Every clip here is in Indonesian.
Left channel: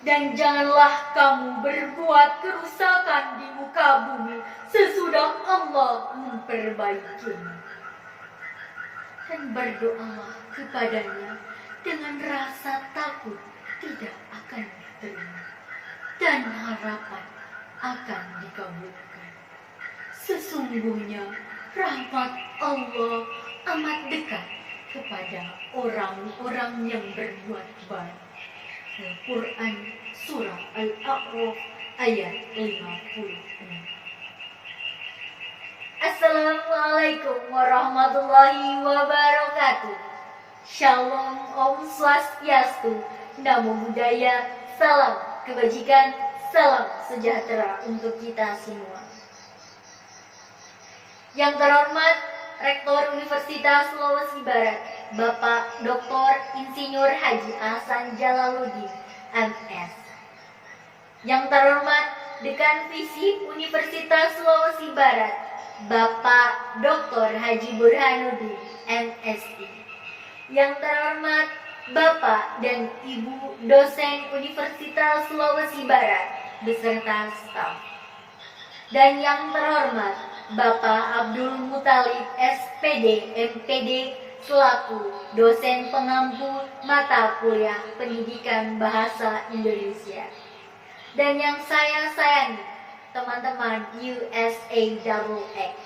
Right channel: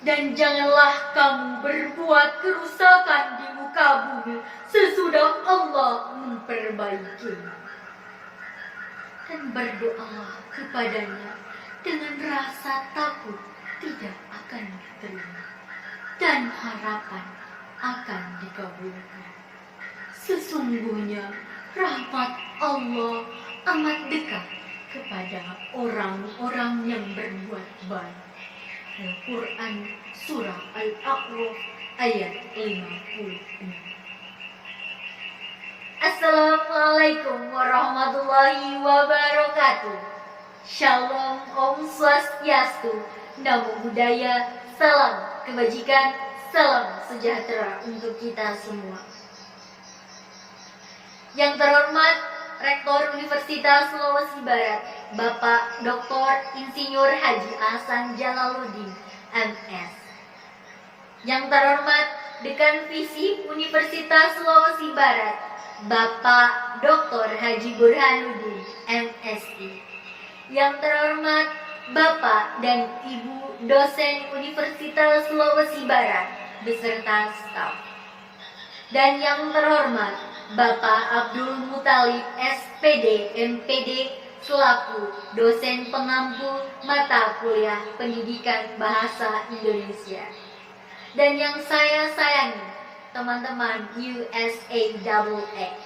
Dan janganlah kamu berbuat kerusakan di muka bumi sesudah Allah memperbaikinya. Dan berdoalah kepadanya dengan rasa takut tidak akan diterima dan harapan akan dikabulkan. Sesungguhnya rahmat Allah amat dekat kepada orang-orang yang berbuat baik. Al-Quran Surah Al-A'raf ayat 56. Assalamualaikum warahmatullahi wabarakatuh. Shalom, Om Swastiastu, Namo Buddhaya, salam kebajikan, salam sejahtera untuk kita semua. Yang terhormat Rektor Universitas Sulawesi Barat, Bapak Dr. Insinyur Haji Ahsan Jalaluddin, MS. Yang terhormat Dekan Visip Universitas Sulawesi Barat, Bapak Dr. Haji Burhanuddin, MSI. Yang terhormat Bapak dan Ibu dosen Universitas Sulawesi Barat beserta staf. Dan yang terhormat Bapak Abdul Muthalib SPD MPD selaku dosen pengampu mata kuliah Pendidikan Bahasa Indonesia. Dan yang saya sayangi, teman-teman USAWX.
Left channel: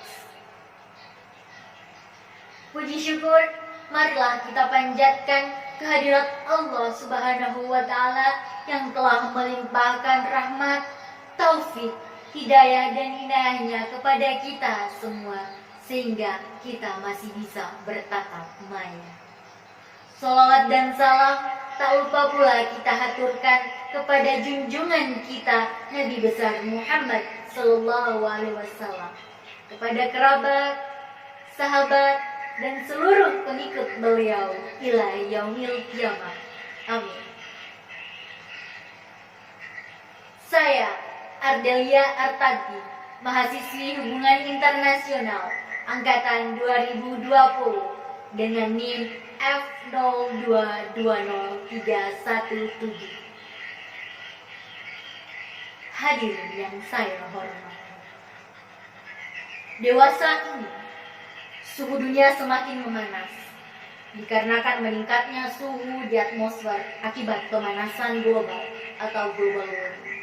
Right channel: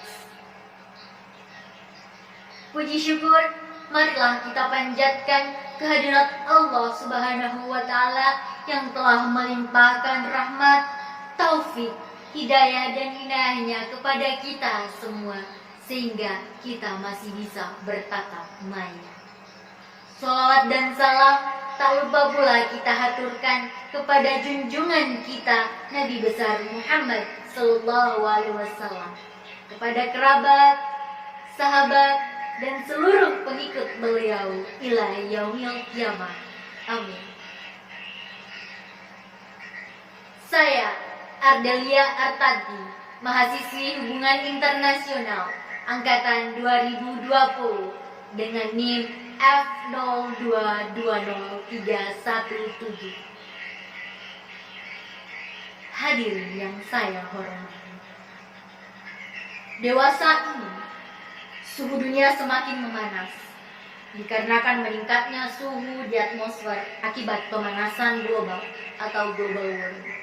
Puji syukur, marilah kita panjatkan kehadirat Allah Subhanahu wa Ta'ala yang telah melimpahkan rahmat, taufik, hidayah dan inayahnya kepada kita semua, sehingga kita masih bisa bertatap maya. Sholawat dan salam tak lupa pula kita haturkan kepada junjungan kita Nabi besar Muhammad Sallallahu Alaihi Wasallam, kepada kerabat, sahabat, dan seluruh pengikut beliau ila yaumil qiyamah. Amin. Saya Ardelia Artadi, mahasiswi Hubungan Internasional Angkatan 2020 dengan NIM F0220317. Hadirin yang saya hormati, dewasa ini suhu dunia semakin memanas dikarenakan meningkatnya suhu di atmosfer akibat pemanasan global atau global warming.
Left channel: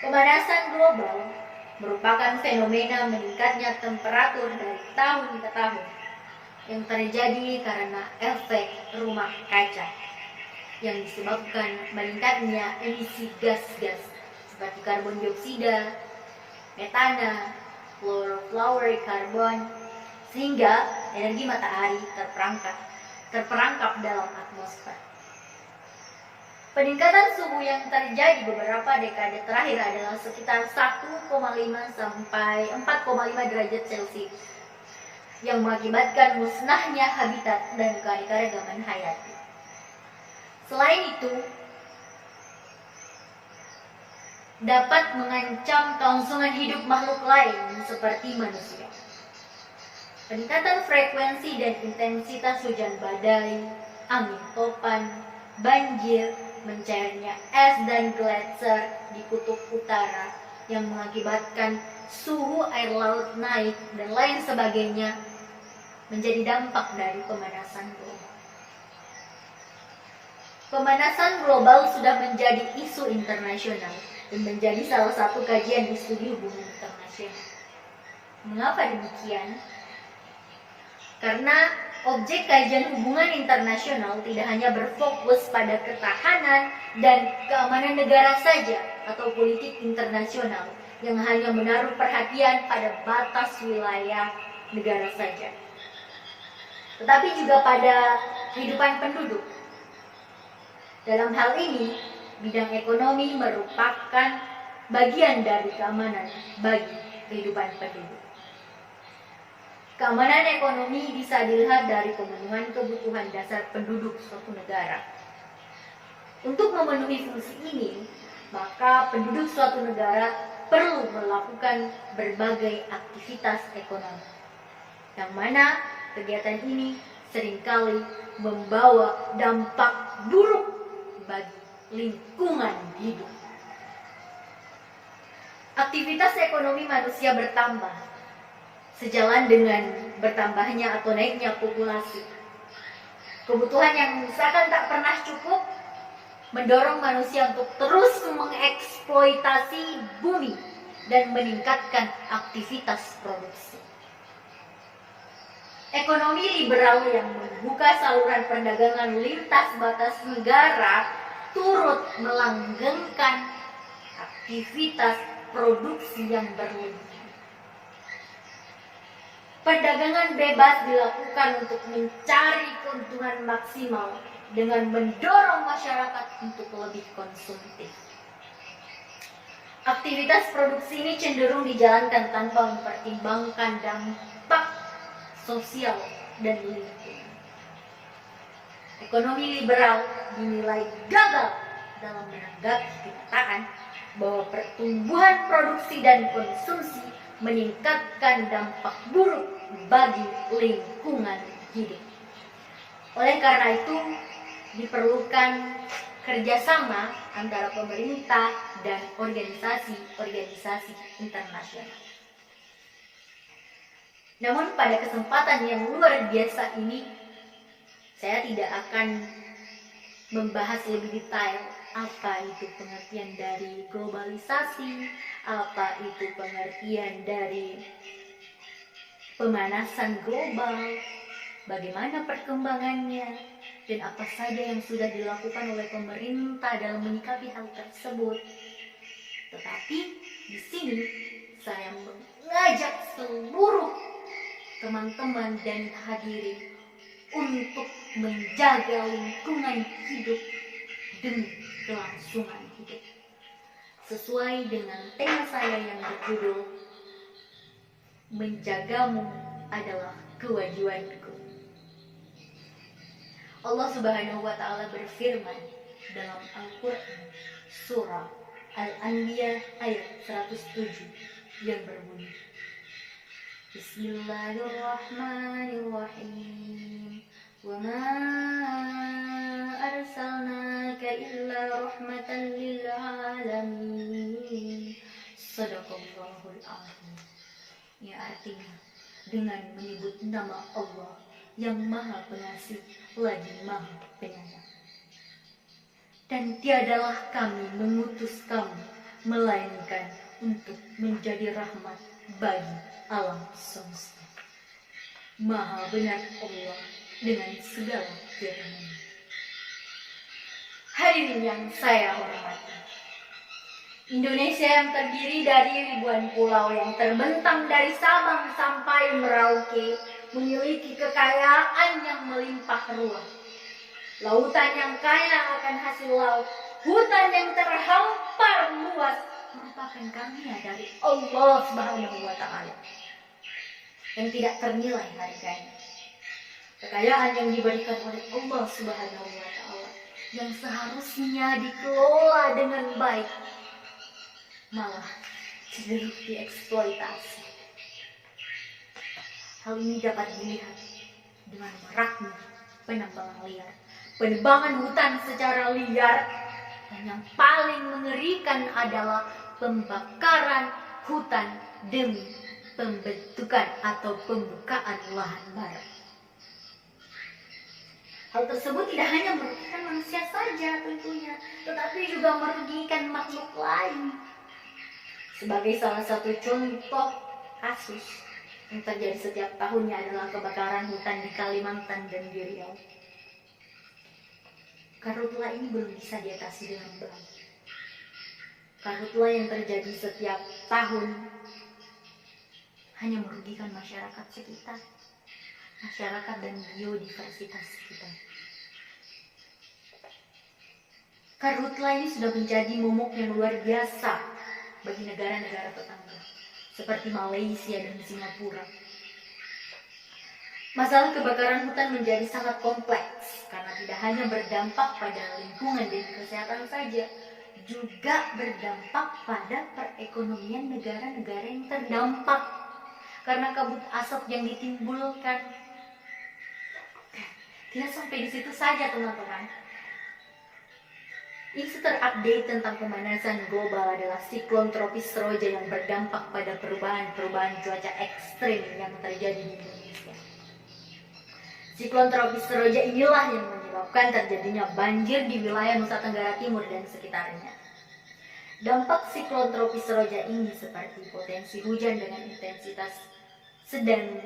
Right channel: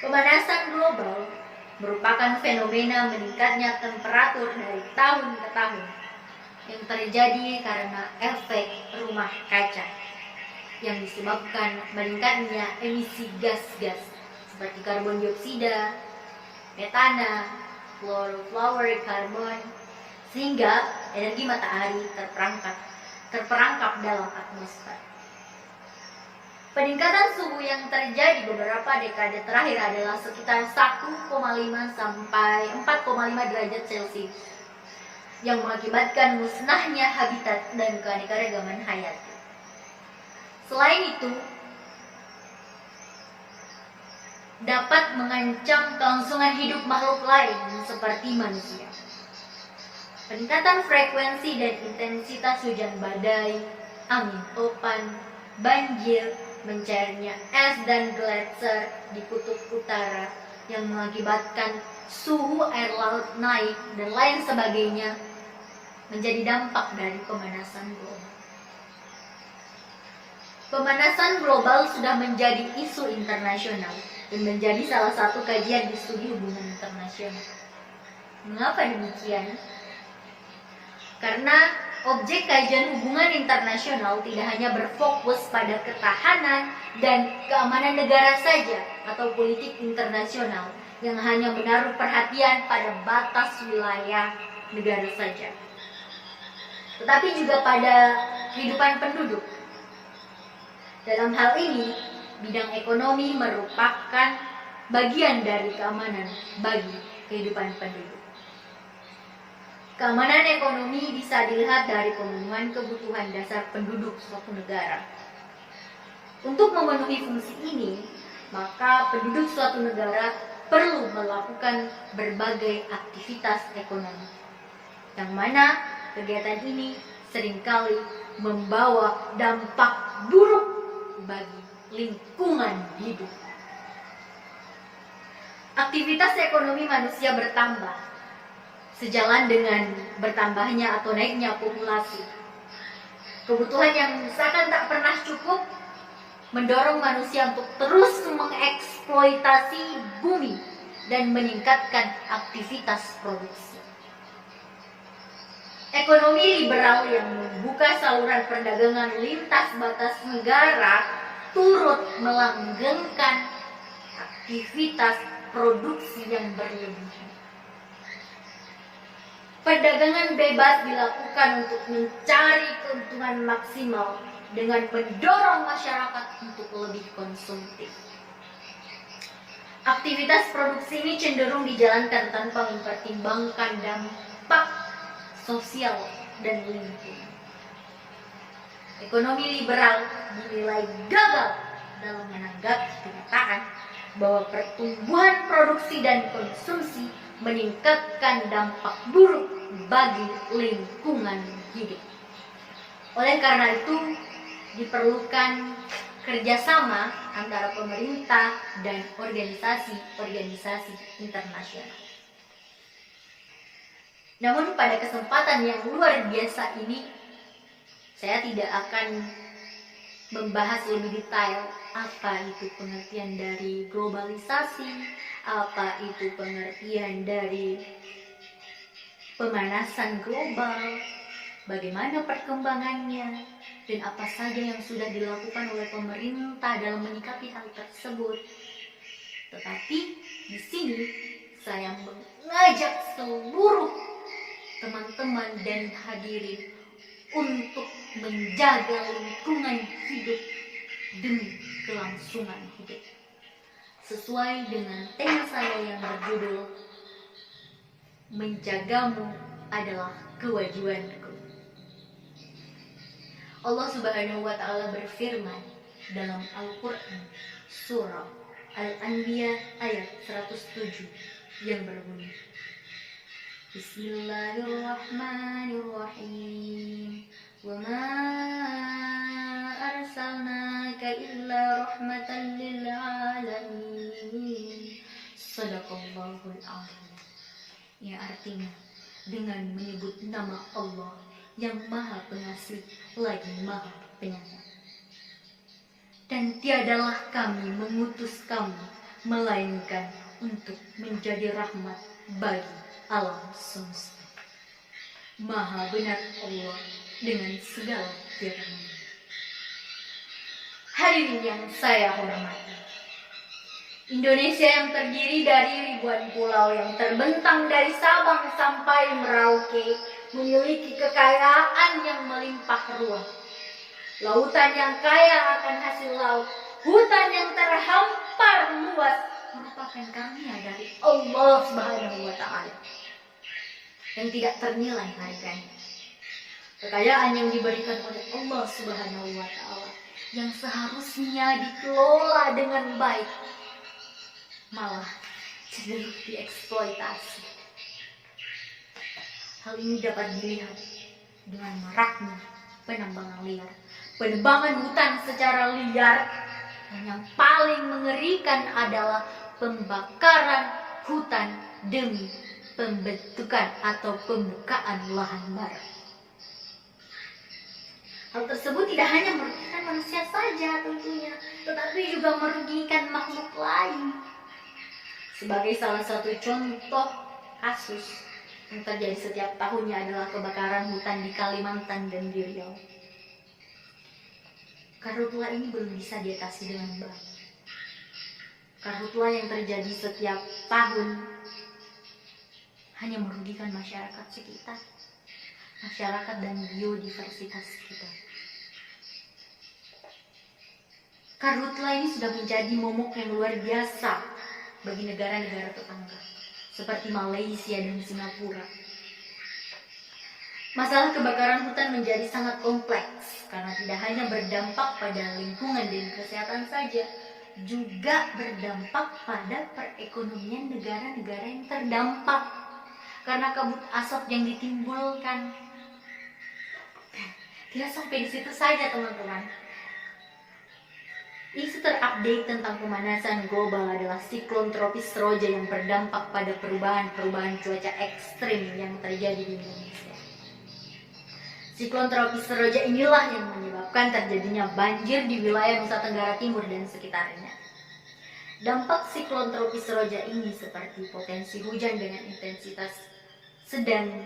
Pemanasan global merupakan fenomena meningkatnya temperatur dari tahun ke tahun yang terjadi karena efek rumah kaca yang disebabkan meningkatnya emisi gas-gas seperti karbon dioksida, metana, chlorofluorokarbon, sehingga energi matahari terperangkap dalam atmosfer. Peningkatan suhu yang terjadi beberapa dekade terakhir adalah sekitar 1,5 sampai 4,5 derajat Celcius yang mengakibatkan musnahnya habitat dan keanekaragaman hayati. Selain itu, dapat mengancam kelangsungan hidup makhluk lain seperti manusia. Peningkatan frekuensi dan intensitas hujan badai, angin topan, banjir, mencairnya es dan gletser di kutub utara yang mengakibatkan suhu air laut naik dan lain sebagainya menjadi dampak dari pemanasan global. Pemanasan global sudah menjadi isu internasional dan menjadi salah satu kajian di studi hubungan internasional. Mengapa demikian? Karena objek kajian hubungan internasional tidak hanya berfokus pada ketahanan dan keamanan negara saja atau politik internasional yang hanya menaruh perhatian pada batas wilayah negara saja, tetapi juga pada kehidupan penduduk. Dalam hal ini, bidang ekonomi merupakan bagian dari keamanan bagi kehidupan penduduk. Keamanan ekonomi bisa dilihat dari pemenuhan kebutuhan dasar penduduk suatu negara. Untuk memenuhi fungsi ini, maka penduduk suatu negara perlu melakukan berbagai aktivitas ekonomi, yang mana kegiatan ini seringkali membawa dampak buruk bagi lingkungan hidup. Aktivitas ekonomi manusia bertambah sejalan dengan bertambahnya atau naiknya populasi. Kebutuhan yang seakan tak pernah cukup mendorong manusia untuk terus mengeksploitasi bumi dan meningkatkan aktivitas produksi. Ekonomi liberal yang membuka saluran perdagangan lintas batas negara turut melanggengkan aktivitas produksi yang berlebihan. Perdagangan bebas dilakukan untuk mencari keuntungan maksimal dengan mendorong masyarakat untuk lebih konsumtif. Aktivitas produksi ini cenderung dijalankan tanpa mempertimbangkan dampak sosial dan lingkungan. Ekonomi liberal dinilai gagal dalam menanggapi kenyataan bahwa pertumbuhan produksi dan konsumsi meningkatkan dampak buruk bagi lingkungan hidup. Oleh karena itu, diperlukan kerjasama antara pemerintah dan organisasi-organisasi internasional. Namun pada kesempatan yang luar biasa ini, saya tidak akan membahas lebih detail apa itu pengertian dari globalisasi, apa itu pengertian dari pemanasan global, bagaimana perkembangannya, dan apa saja yang sudah dilakukan oleh pemerintah dalam menyikapi hal tersebut. Tetapi di sini saya mengajak seluruh teman-teman dan hadirin untuk menjaga lingkungan hidup demi kelangsungan hidup. Sesuai dengan tema saya yang berjudul Menjagamu adalah kewajibanku. Allah Subhanahu wa taala berfirman dalam Al-Qur'an surah Al-Anbiya ayat 107 yang berbunyi, Bismillahirrahmanirrahim. Wa ma arsalnaka illa rahmatan lil alamin. Shadaqallahul azim. Ya, artinya dengan menyebut nama Allah yang Maha Pengasih lagi Maha Penyayang. Dan tiadalah kami mengutus kamu melainkan untuk menjadi rahmat bagi alam semesta. Maha benar Allah dengan segala firman. Hadirin yang saya hormati, Indonesia yang terdiri dari ribuan pulau yang terbentang dari Sabang sampai Merauke memiliki kekayaan yang melimpah ruah. Lautan yang kaya akan hasil laut, hutan yang terhampar luas merupakan karunia dari Allah Subhanahu wa taala yang tidak ternilai harganya. Kekayaan yang diberikan oleh Allah Subhanahu wa taala yang seharusnya dikelola dengan baik malah cenderung dieksploitasi. Hal ini dapat dilihat dengan maraknya penambangan liar, penebangan hutan secara liar, dan yang paling mengerikan adalah pembakaran hutan demi pembentukan atau pembukaan lahan baru. Hal tersebut tidak hanya merugikan manusia saja tentunya, tetapi juga merugikan makhluk lain. Sebagai salah satu contoh kasus yang terjadi setiap tahunnya adalah kebakaran hutan di Kalimantan dan di Riau. Karhutla ini belum bisa diatasi dengan baik. Karhutla yang terjadi setiap tahun hanya merugikan masyarakat sekitar, masyarakat dan biodiversitas kita. Karhutla ini sudah menjadi momok yang luar biasa bagi negara-negara tetangga seperti Malaysia dan Singapura. Masalah kebakaran hutan menjadi sangat kompleks karena tidak hanya berdampak pada lingkungan dan kesehatan saja, juga berdampak pada perekonomian negara-negara yang terdampak karena kabut asap yang ditimbulkan. Tidak sampai di situ saja, teman-teman. Isu terupdate tentang pemanasan global adalah siklon tropis Roja yang berdampak pada perubahan cuaca ekstrim yang terjadi di Indonesia. Siklon tropis Roja inilah yang menyebabkan terjadinya banjir di wilayah Nusa Tenggara Timur dan sekitarnya. Dampak siklon tropis Roja ini seperti potensi hujan dengan intensitas sedang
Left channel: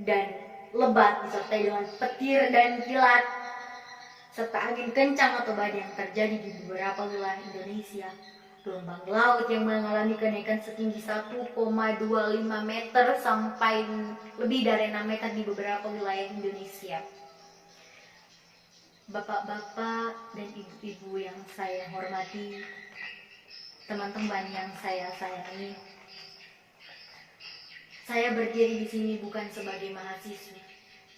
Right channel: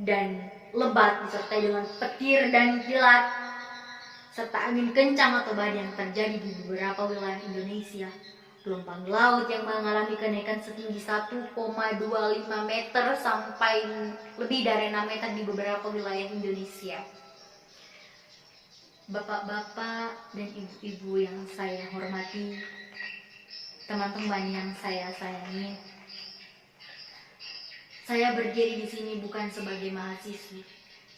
dan lebat disertai dengan petir dan kilat, serta angin kencang atau badai yang terjadi di beberapa wilayah Indonesia. Gelombang laut yang mengalami kenaikan setinggi 1,25 meter sampai lebih dari 6 meter di beberapa wilayah Indonesia. Bapak-bapak dan ibu-ibu yang saya hormati, teman-teman yang saya sayangi, saya berdiri di sini bukan sebagai mahasiswi.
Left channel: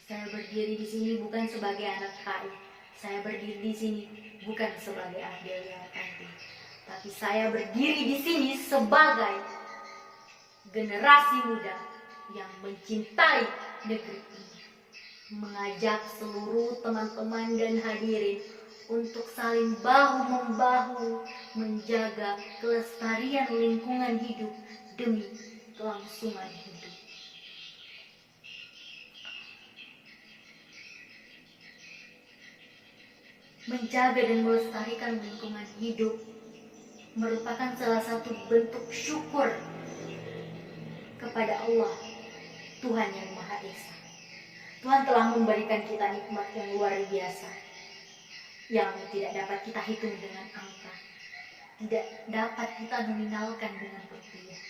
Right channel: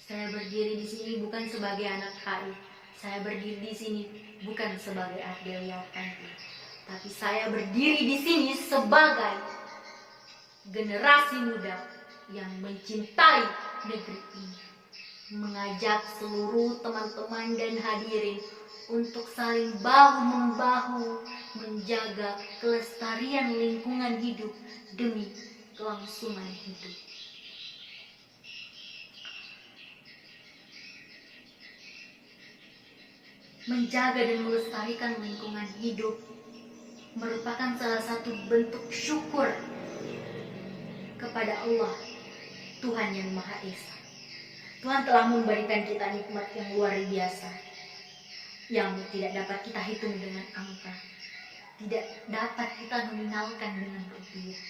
Saya berdiri di sini bukan sebagai anak HI. Saya berdiri di sini bukan sebagai Ardelia Tanti. Tapi saya berdiri di sini sebagai generasi muda yang mencintai negeri ini. Mengajak seluruh teman-teman dan hadirin untuk saling bahu-membahu menjaga kelestarian lingkungan hidup demi kelangsungan hidup. Menjaga dan melestarikan lingkungan hidup merupakan salah satu bentuk syukur kepada Allah, Tuhan yang Maha Esa. Tuhan telah memberikan kita nikmat yang luar biasa, yang tidak dapat kita hitung dengan angka, tidak dapat kita nominalkan dengan rupiah.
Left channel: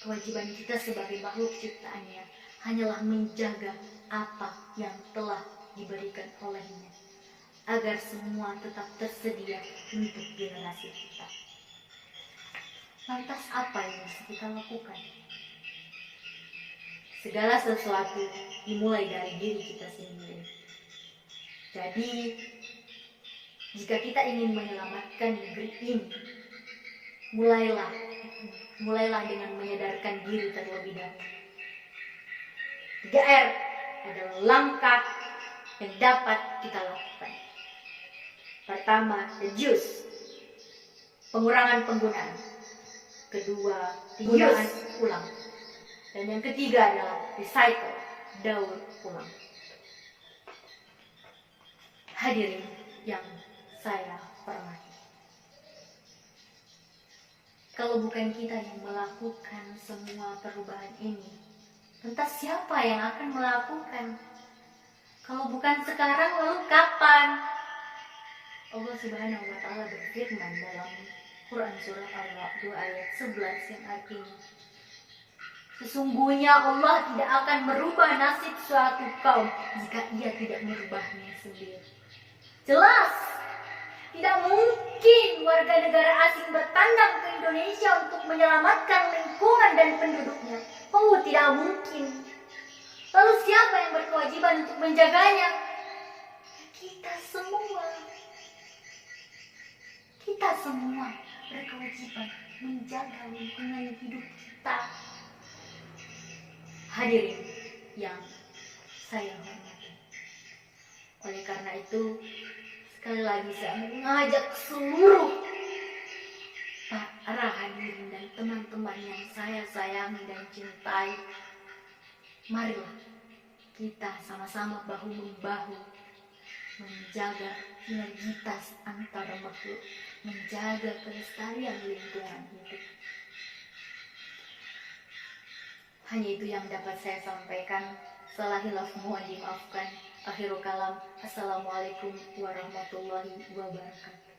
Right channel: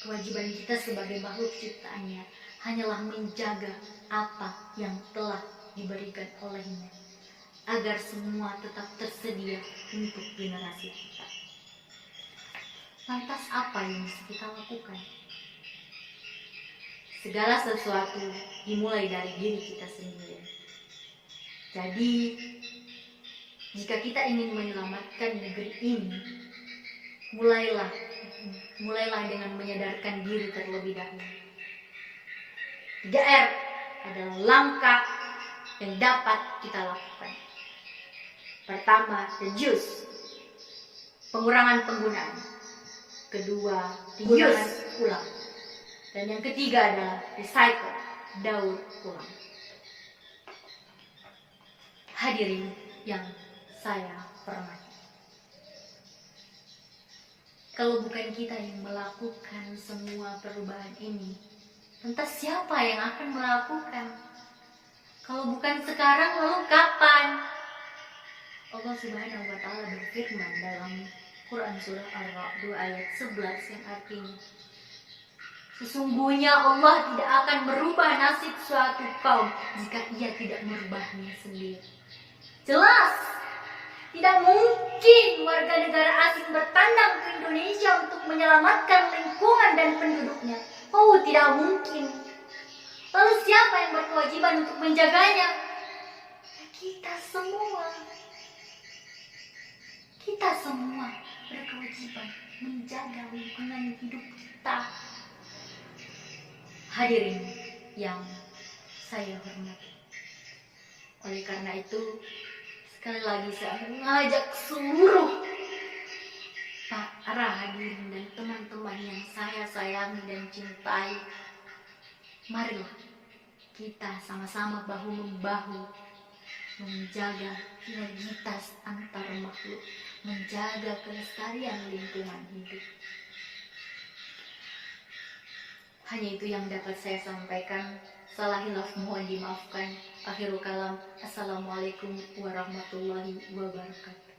Kewajiban kita sebagai makhluk ciptaannya hanyalah menjaga apa yang telah diberikan olehnya, agar semua tetap tersedia untuk generasi kita. Lantas apa yang bisa kita lakukan? Segala sesuatu dimulai dari diri kita sendiri. Jadi, jika kita ingin menyelamatkan negeri ini, mulailah dengan menyadarkan diri terlebih dahulu. 3R adalah langkah yang dapat kita lakukan. Pertama, reduce, pengurangan penggunaan. Kedua, penggunaan ulang. Dan yang ketiga adalah recycle, daur ulang. Hadirin yang saya hormati, kalau bukan kita yang melakukan semua perubahan ini, lantas siapa yang akan melakukan? Kalau bukan sekarang, lalu kapan? Allah Subhanahu wa Ta'ala berfirman dalam Quran Surah Ar-Ra'd ayat 11 yang artinya, sesungguhnya Allah tidak akan merubah nasib suatu kaum jika ia tidak merubahnya sendiri. Jelas, tidak mungkin warga negara asing bertandang ke Indonesia untuk menyelamatkan lingkungan dan penduduknya. Oh, tidak mungkin. Lalu siapa yang berkewajiban untuk menjaganya? Kita semua. Kita semua berkewajiban menjaga lingkungan hidup kita. Hadirin yang saya hormati, oleh karena itu, sekali lagi saya mengajak seluruh para hadirin dan teman-teman yang saya sayangi dan cintai, marilah kita sama-sama bahu-membahu menjaga sinergitas antar makhluk, menjaga kelestarian lingkungan hidup. Hanya itu yang dapat saya sampaikan. Salah hilaf mohon dimaafkan. Akhirul kalam. Assalamualaikum warahmatullahi wabarakatuh.